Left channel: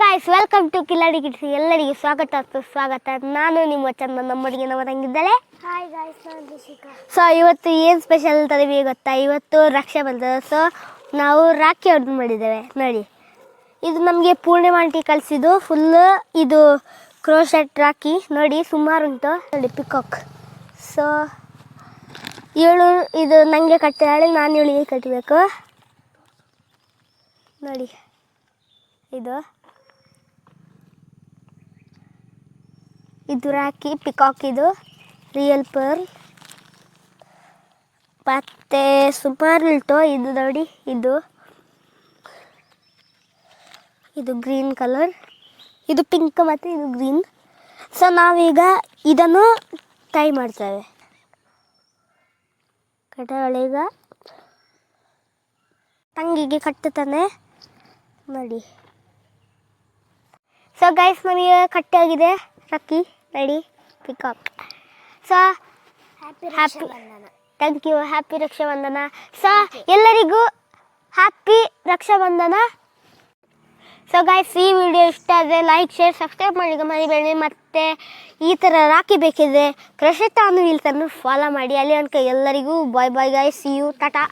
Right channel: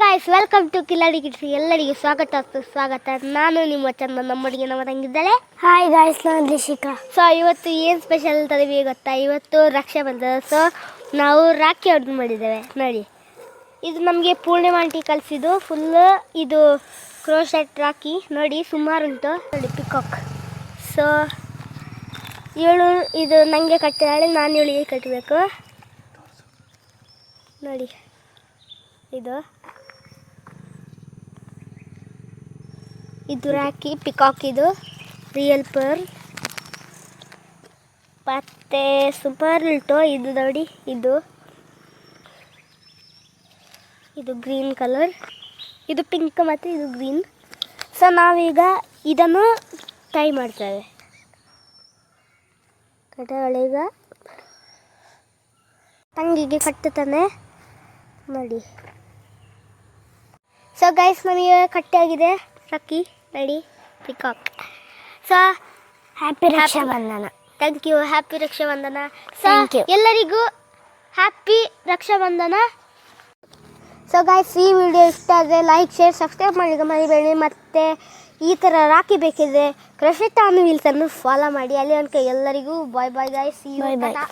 Guys welcome to Kiladi kids. ಎಲ್ಲರಿಗೆ ಸ್ವಾಗತ. ನಾನು ನಿಮ್ಮ ಚಂದ, ನಮ್ಮೊಟ್ಟಿಗೆ ನಮ್ಮ ತಂಗಿದ್ದಾಳೆ. ಹಾಯ್ ಗಾಯ್ಸ್, ನಾನು ರಿಷಿಕಾ. ಸೊ ಇವತ್ತು ಏನು ಸ್ಪೆಷಲ್ ಅಂತ ನಿಮಗೆ ಗೊತ್ತಾ? ಇವತ್ತು ರಕ್ಷಾಬಂಧನ. ಸೊ ನಾವು ರಾಖಿ ಆರ್ಡರ್ ಮಾಡಿದ್ದೇವೆ. ನೋಡಿ, ಇದು ನಮಗೆ ಪೂರ್ಣಿಮಾ ಆಂಟಿ ಕಳಿಸಿದ್ದು. ಫುಲ್ಲು ಇದು ಕ್ರೋಶೆಟ್ ರಾಖಿ. ನೋಡಿ, ಸುಮಾರು ಉಂಟು. ನೋಡಿ, ಪಿಕಾಕ್. ಸೊ ಇವಳು ಇದು ನನಗೆ ಕಟ್ಟಿದಾಳೆ, ನಾನು ಇವಳಿಗೆ ಕಟ್ಟಬೇಕು. ನೋಡಿ, ಇದು ರಾಖಿ ಪಿಕಾಕ್, ಇದು ರಿಯಲ್ ಪರ್ಲ್. ಮತ್ತೆ ಸುಮಾರು ಉಂಟು. ಇದು ನೋಡಿ, ಇದು ಗ್ರೀನ್ ಕಲರ್, ಇದು ಪಿಂಕ್ ಮತ್ತು ಇದು ಗ್ರೀನ್. ಸೊ ನಾವೀಗ ಇದನ್ನು ಟೈ ಮಾಡ್ತೇವೆ. ಕಟ್ಟೋಳೀಗ ತಂಗಿಗೆ ಕಟ್ಟುತ್ತಾನೆ. ನೋಡಿ, ಸೊ ಗೈಸ್ ನಮಗೆ ಕಟ್ಟಾಗಿದೆ ರಾಖಿ. ನೋಡಿ, peacock. So happy Rakshabandhan. Thank you. Happy Rakshabandhan. So ಎಲ್ಲರಿಗೂ ಹ್ಯಾಪಿ ರಕ್ಷಾಬಂಧನ. ಸೊ ಗೈಸ್, ಈ ವಿಡಿಯೋ ಇಷ್ಟ ಆದರೆ ಲೈಕ್, ಶೇರ್, ಸಬ್ಸ್ಕ್ರೈಬ್ ಮಾಡಿ ಮರಿಬೇಡಿ. ಮತ್ತು ಈ ಥರ ರಾಖಿ ಬೇಕಿದ್ರೆ ಕ್ರಶಿತಾ ಅನ್ನೋ ವಿಲ್ಸನ್ನು ಫಾಲೋ ಮಾಡಿ. ಅಲ್ಲಿ ತನಕ ಎಲ್ಲರಿಗೂ bye guys. See you, Tata.